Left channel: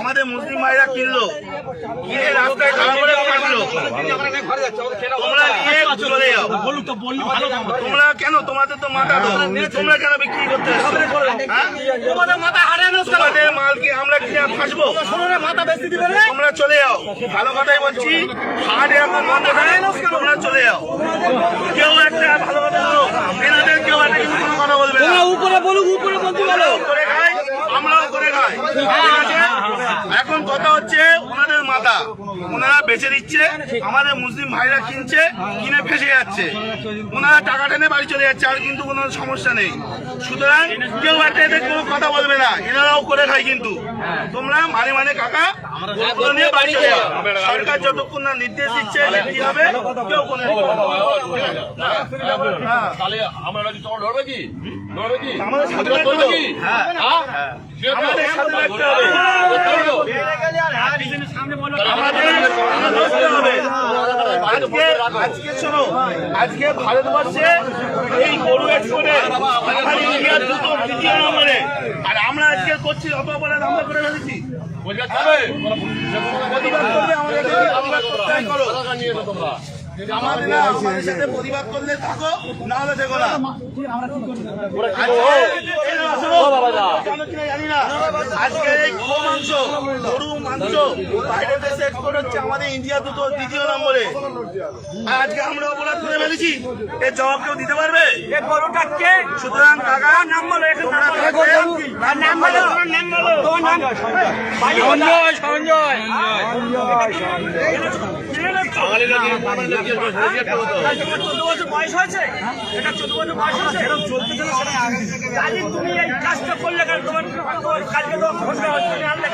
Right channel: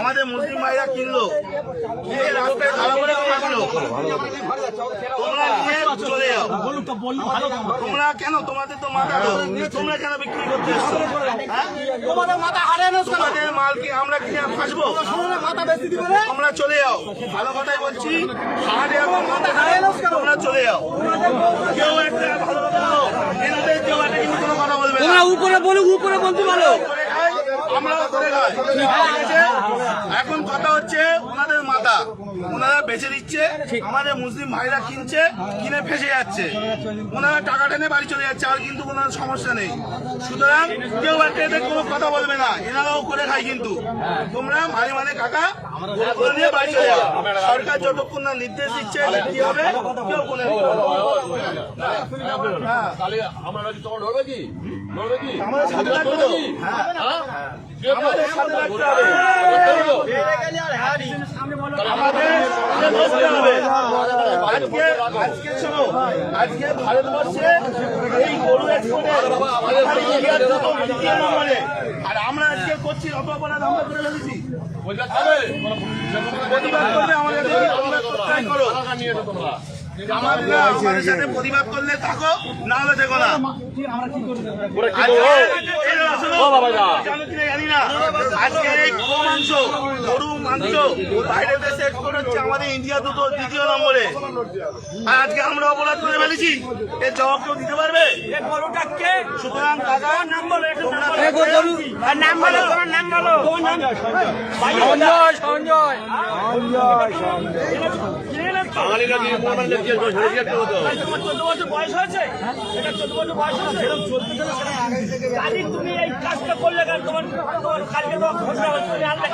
আমাদের মুসলিম ভাইরা কিনলো, কিনে রাস্তায় খারাপ করে থাকলো, তোমরা নিয়ে চলে যাও। তোমরা কেন, তোমাদের তো মাথা, তোমরা কেন বিক্রি করতে তোমাদের মাথা হারানো, তোমাদের মাল কি আমরা কিনে ফাঁসবো? মাথা বেশি দিবে, তোমরা চলে যাও। ভালো কথাই বলছি, হাট এখন বন্ধ নাই, তোমরা চলে যাও। কেউ একটা ভালো কথা বলো, এনাদের কেউ একটা কিন্তু কোনো কথা বলবে না। উপরে বলুক, উপরে বলতে বলো, করে খাই, আমরাও করে খাই। এখন কথা হচ্ছে ওনাদের মাথা, ওনারা বেচে দিচ্ছে, আমাদের মুসলিম ভাইরা কিনছে, কিনে ফেসে যাচ্ছে, ওনারা টাকা টেনে বাড়ি চলে যাচ্ছে, আর কিন্তু ওনার সমস্যা নেই। সুতরাং কেউ একটা এদের কোনো কথা বলবে না, এনারাও করে খায়। কিন্তু তোমরা মানে কাকা নিয়ে বাড়ি চলে যাও। সরকার যতক্ষণ না নির্দেশ দিচ্ছে কি হবে, কেউ কোনো আজকে ভারতবর্ষে এই গরু এক্সপোর্টে ইন্ডিয়ার দ্বিতীয় নম্বরে, আর আমরা আজকে করছি অত অপরাধ আমরা করে ফেলেছি। আমাদের সাথে প্রতিবাদ করলে থাকো, না হলে দেখো না। জানি না আজকে এই মাংস, গরু মাংস বাইরের দেশে এক্সপোর্ট হচ্ছে, আমাদের ইন্ডিয়া দ্বিতীয় নম্বরে। আর আজকে আমরা অপরাধ করে ফেলেছি, এর জবাব কেউ দিতে পারবে? সুতরাং কাকা নাম বলো, সঞ্জয় 14 বছর বয়স হয়েছে, এটা 14 বছর বয়স হয়েছে, এরকম চলতে চলে সেটা তুমি এই কাজটা করলে কেন? তোমার কাজকে তো ঘোষণা হচ্ছে না, আমরা